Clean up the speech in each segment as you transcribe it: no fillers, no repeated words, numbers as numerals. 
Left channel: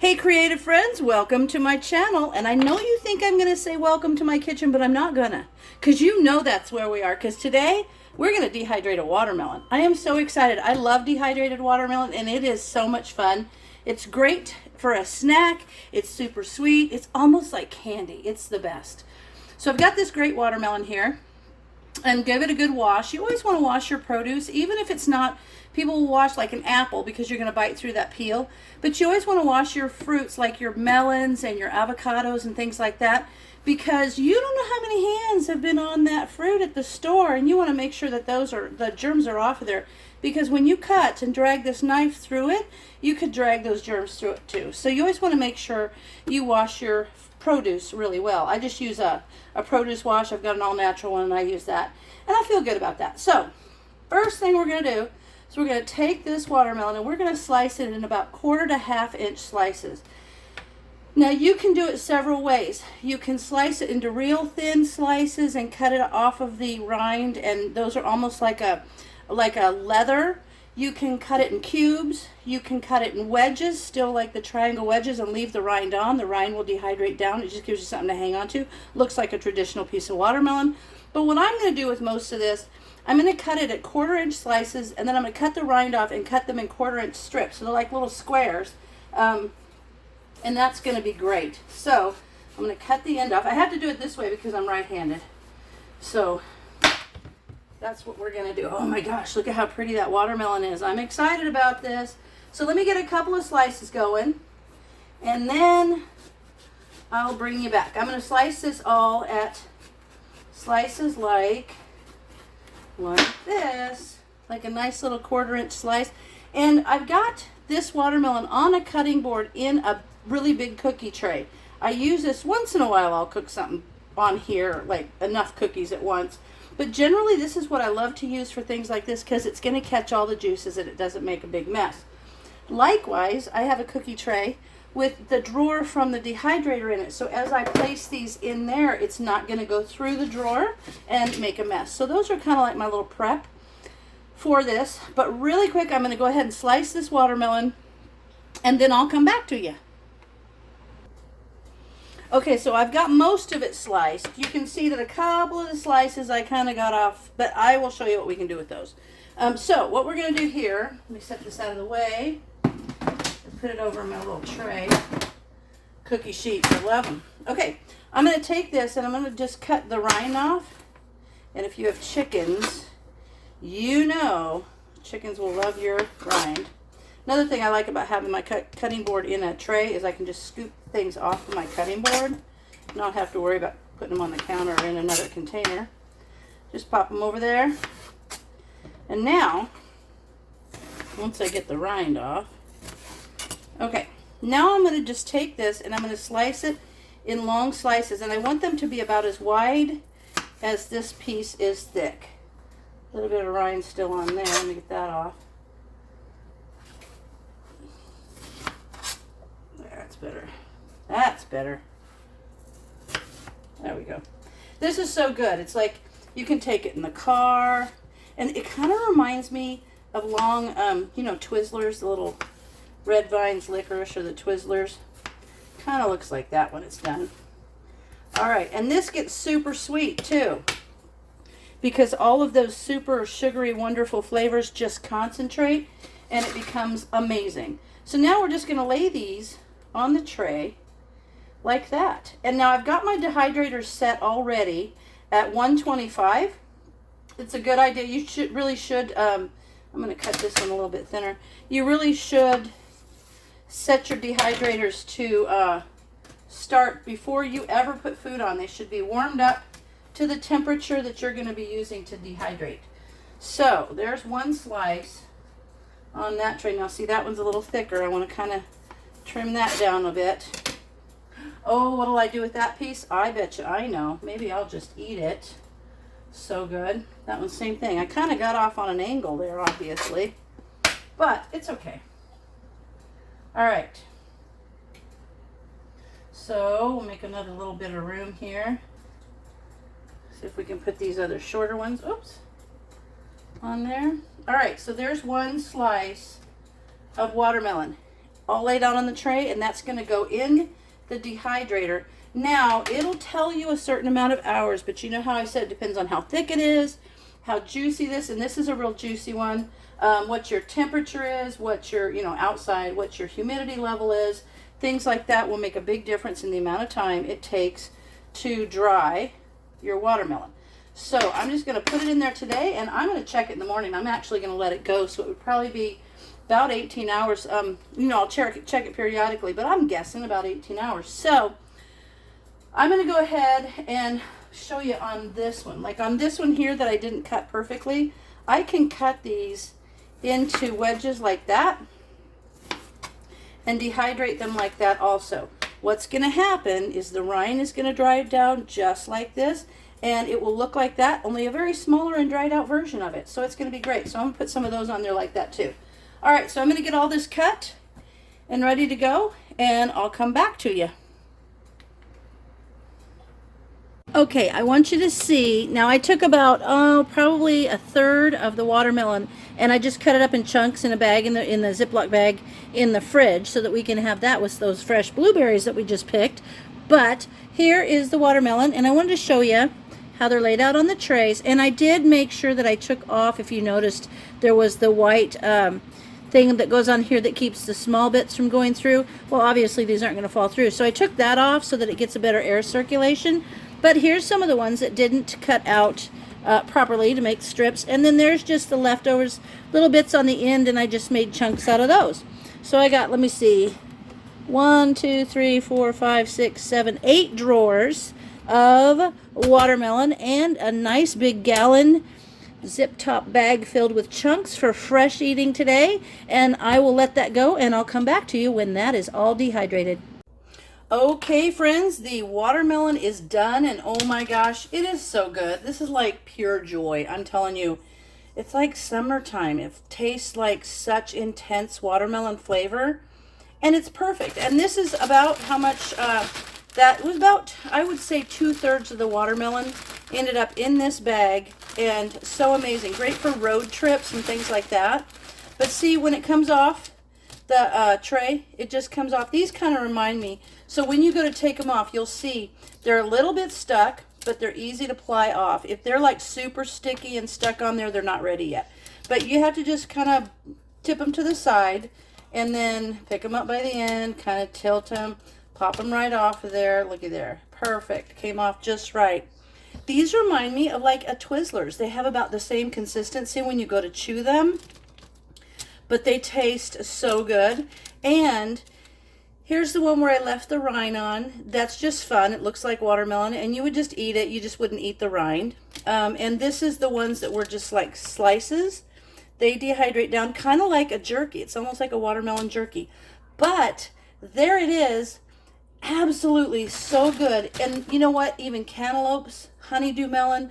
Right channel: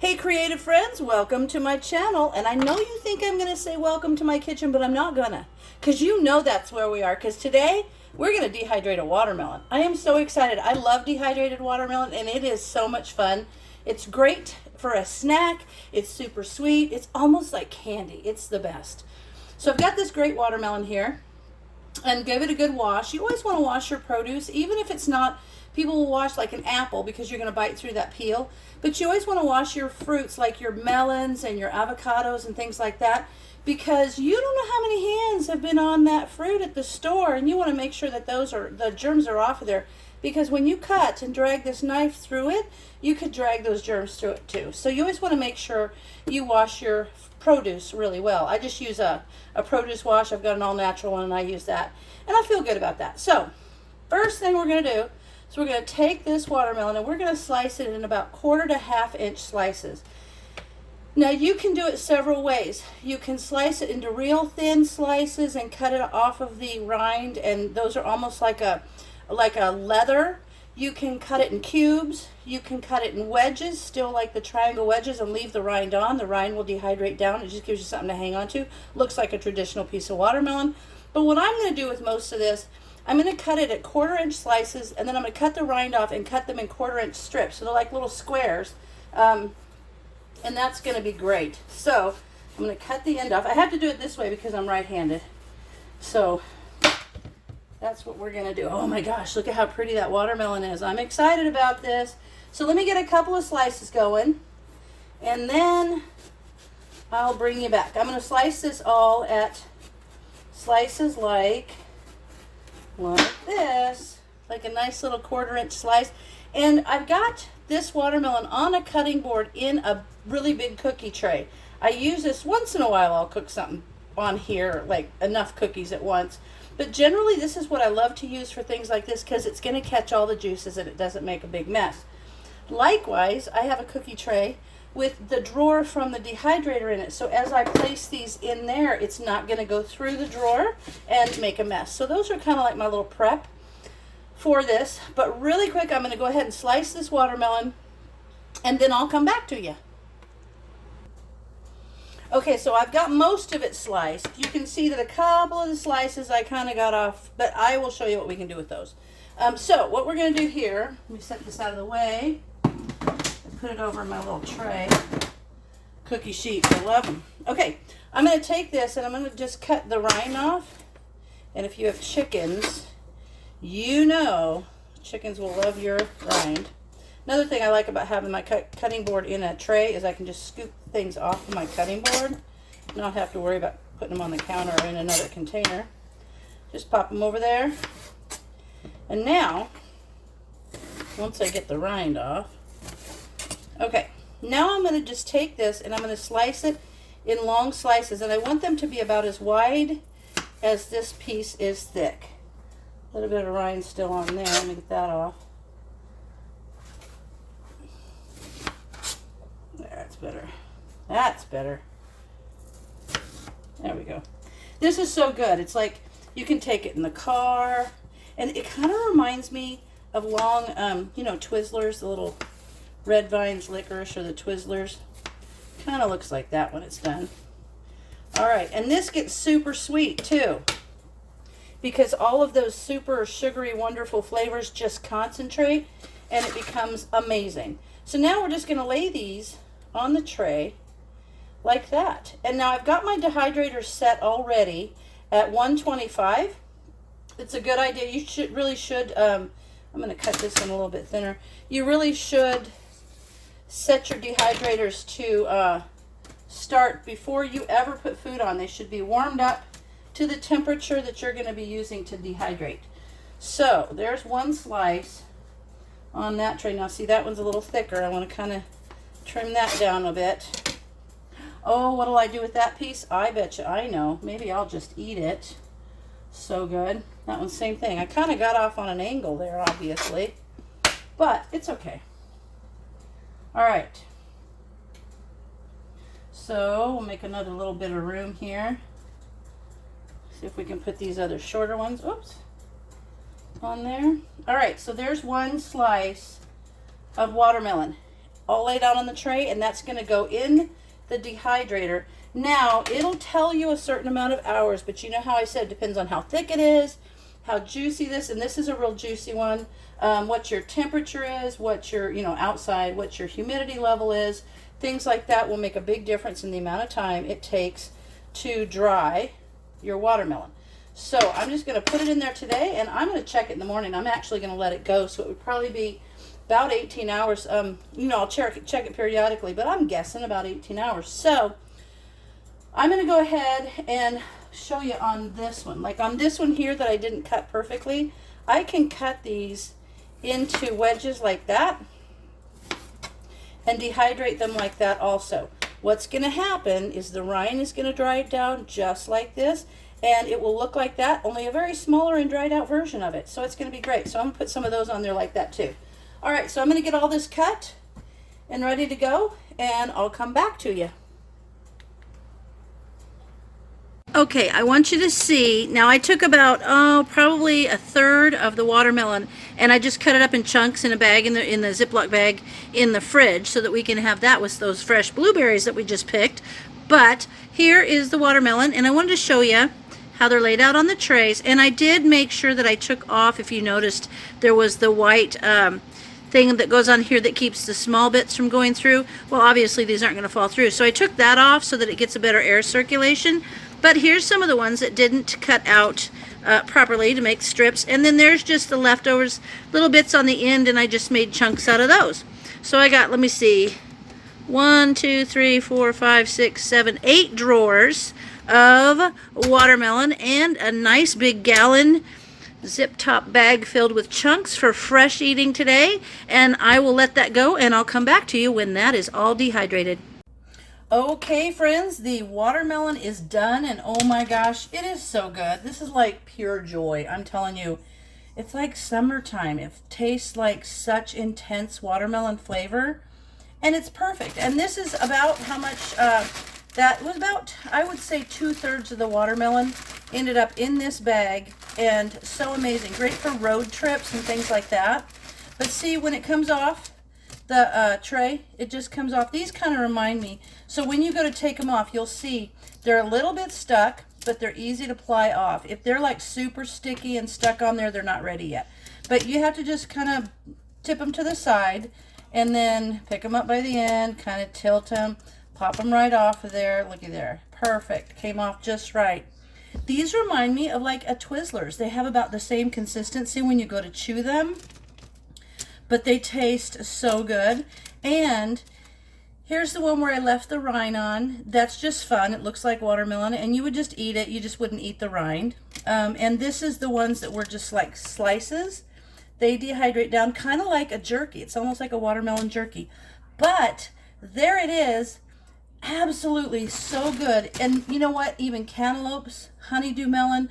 Hey creative friends, welcome to my channel. And I know you think I'm going to say welcome to my kitchen, but I'm not gonna. Because you know that's where we are. Because today we're going to dehydrate a watermelon. I am so excited. I love dehydrated watermelon and it is so much fun. It's great for a snack. It's super sweet. It's almost like candy. It's the best. So I've got this great watermelon here. And give it a good wash. You always want to wash your produce, even if it's not, people will wash like an apple because you're going to bite through that peel. But you always want to wash your fruits like your melons and your avocados and things like that, because you don't know how many hands have been on that fruit at the store, and you want to make sure that the germs are off of there, because when you cut and drag this knife through it, you could drag those germs through it too. So you always want to make sure you wash your produce really well. I just use a produce wash. I've got an all natural one and I use that, and I feel good about that. So first thing we're going to do is we're going to take this watermelon and we're going to slice it in about 1/4 to 1/2 inch slices. Now you can do it several ways. You can slice it into real thin slices and cut it off of the rind, and those are almost like a leather. You can cut it in cubes. You can cut it in wedges, still like the triangle wedges, and leave the rind on. The rind will dehydrate down. It just gives you something to hang on to. Looks like a traditional piece of watermelon. But what I'm going to do with most of this, I'm going to cut it at 1/4 inch slices, and then I'm going to cut the rind off and cut them in 1/4 inch strips. So they're like little squares. And that's going to be great. So I'm going to cut the end off. I have to do it this way because I'm right-handed. So that's what we're going to do. Oh my gosh, look at how pretty that watermelon is. I'm excited about this. So let me get a couple of slices going, and then I'll bring you back. I'm going to slice this all at slices like this, like a nice little 1/4 inch slice. And I've got this watermelon on a cutting board in a really big cookie tray. I use this once in a while. I'll cook something on here, like enough cookies at once. But generally this is what I love to use for things like this, because it's going to catch all the juices and it doesn't make a big mess. Likewise, I have a cookie tray with the drawer from the dehydrator in it. So as I place these in there, it's not going to go through the drawer and make a mess. So those are kind of like my little prep for this. But really quick, I'm going to go ahead and slice this watermelon, and then I'll come back to you. Okay, so I've got most of it sliced. You can see that a couple of the slices I kind of got off, but I will show you what we can do with those. So what we're going to do here, let me set this out of the way and put it over in my little tray. Cookie sheets, I love them. Okay, I'm going to take this and I'm going to just cut the rind off. And if you have chickens, you know chickens will love your rind. Another thing I like about having my cutting board in a tray is I can just scoop things off of my cutting board, not have to worry about putting them on the counter or in another container. Just pop them over there. And now, once I get the rind off, okay, now I'm going to just take this and I'm going to slice it in long slices, and I want them to be about as wide as this piece is thick. A little bit of rind still on there. Let me get that off. That's better. That's better. There we go. This is so good. It's like you can take it in the car, and it kind of reminds me of long, you know, Twizzlers, the little Red Vines licorice, or the Twizzlers. Kind of looks like that when it's done. All right, and this gets super sweet too, because all of those super sugary, wonderful flavors just concentrate, and it becomes amazing. So now we're just going to lay these on the tray like that. And now I've got my dehydrator set already at 125. It's a good idea. You really should, I'm going to cut this in a little bit thinner. You really should set your dehydrators to start before you ever put food on. They should be warmed up to the temperature that you're going to be using to dehydrate. So there's one slice on that tray. Now see, that one's a little thicker. I want to kind of trim that down a bit. Oh, what'll I do with that piece? I bet you I know. Maybe I'll just eat it. So good. That one's same thing. I kind of got off on an angle there, obviously, but it's okay. All right. So we'll make another little bit of room here. See if we can put these other shorter ones, oops, on there. All right, so there's one slice of watermelon. all laid out on the tray, and that's going to go in the dehydrator. Now, it'll tell you a certain amount of hours, but you know how I said it depends on how thick it is, how juicy this, and this is a real juicy one, what your temperature is, what your, outside, what your humidity level is. Things like that will make a big difference in the amount of time it takes to dry your watermelon. So I'm just going to put it in there today, and I'm going to check it in the morning. I'm actually going to let it go, so it would probably be about 18 hours. I'll check it periodically, but I'm guessing about 18 hours. So I'm going to go ahead and show you on this one. Like on this one here that I didn't cut perfectly, I can cut these into wedges like that and dehydrate them like that also. What's going to happen is the rind is going to dry down just like this, and it will look like that, only a very smaller and dried out version of it. So it's going to be great. So I'm going to put some of those on there like that too. All right, so I'm going to get all this cut and ready to go, and I'll come back to you. Okay, I want you to see, now I took about, probably a third of the watermelon, and I just cut it up in chunks in a bag, in the Ziploc bag in the fridge, so that we can have that with those fresh blueberries that we just picked. But here is the watermelon, and I wanted to show you how they're laid out on the trays. And I did make sure that I took off, if you noticed, there was the white thing that goes on here that keeps the small bits from going through. Well, obviously these aren't going to fall through, so I took that off so that it gets a better air circulation. But here's some of the ones that didn't cut out properly to make strips, and then there's just the leftovers, little bits on the end, and I just made chunks out of those. So I got, let me see, 1, 2, 3, 4, 5, 6, 7, 8 drawers of watermelon, and a nice big gallon zip top bag filled with chunks for fresh eating today. And I will let that go, and I'll come back to you when that is all dehydrated. Okay, friends, the watermelon is done, and oh my gosh, it is so good. This is like pure joy. I'm telling you, it's like summertime. It tastes like such intense watermelon flavor, and it's perfect. And this is about how much, that was about, I would say 2/3 of the watermelon ended up in this bag, and so amazing. Great for road trips and things like that. But see, when it comes off the tray, it just comes off. These kind of remind me, so when you go to take them off, you'll see they're a little bit stuck, but they're easy to ply off. If they're like super sticky and stuck on there, they're not ready yet. But you have to just kind of tip them to the side, and then pick them up by the end, kind of tilt them, pop them right off of there. Looky there. Perfect. Came off just right. These remind me of like a Twizzlers. They have about the same consistency when you go to chew them, but they taste so good. And here's the one where I left the rind on. That's just fun. It looks like watermelon, and you would just eat it. You just wouldn't eat the rind. And this is the ones that were just like slices. They dehydrate down kind of like a jerky. It's almost like a watermelon jerky. But there it is. Absolutely so good. And you know what? Even cantaloupes, honeydew melon,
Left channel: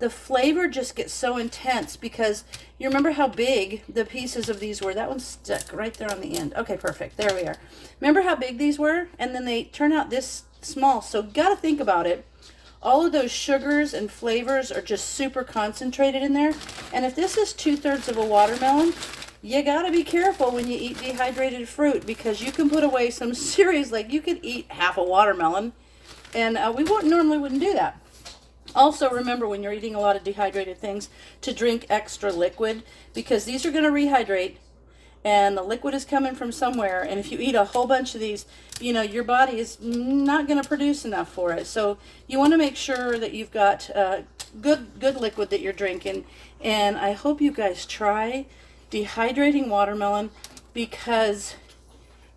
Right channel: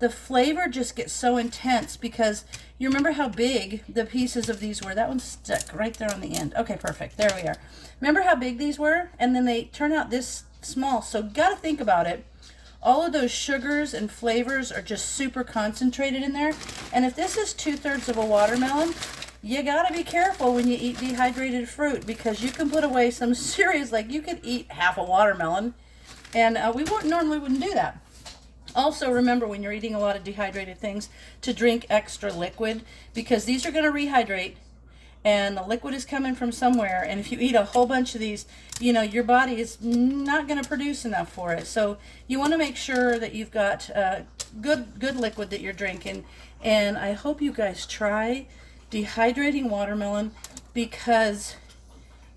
the flavor just gets so intense, because you remember how big the pieces of these were. That one's stuck right there on the end. Okay, perfect. There we are. Remember how big these were? And then they turn out this small. So gotta think about it. All of those sugars and flavors are just super concentrated in there. And if this is 2/3 of a watermelon, you gotta be careful when you eat dehydrated fruit, because you can put away some serious, like you could eat half a watermelon, and we wouldn't do that. Also, remember when you're eating a lot of dehydrated things to drink extra liquid, because these are going to rehydrate, and the liquid is coming from somewhere. And if you eat a whole bunch of these, your body is not going to produce enough for it. So you want to make sure that you've got good liquid that you're drinking. And I hope you guys try dehydrating watermelon, because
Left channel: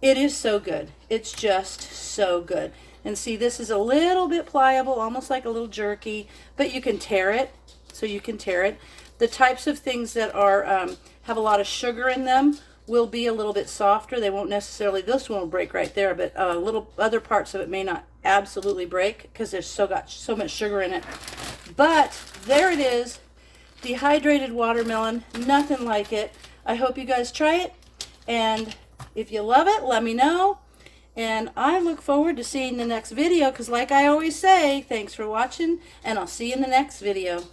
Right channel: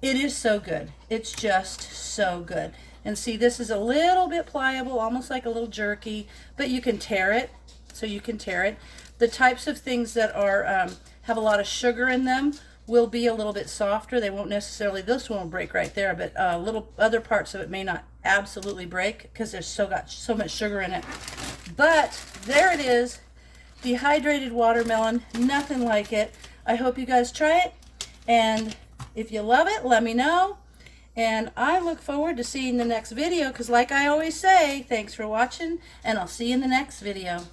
it is so good. It's just so good. And see, this is a little bit pliable, almost like a little jerky, but you can tear it, so you can tear it. The types of things that are have a lot of sugar in them will be a little bit softer. They won't necessarily, this one will break right there, but little other parts of it may not absolutely break, because there's got so much sugar in it. But there it is, dehydrated watermelon, nothing like it. I hope you guys try it, and if you love it, let me know. And I look forward to seeing the next video, because like I always say, thanks for watching, and I'll see you in the next video.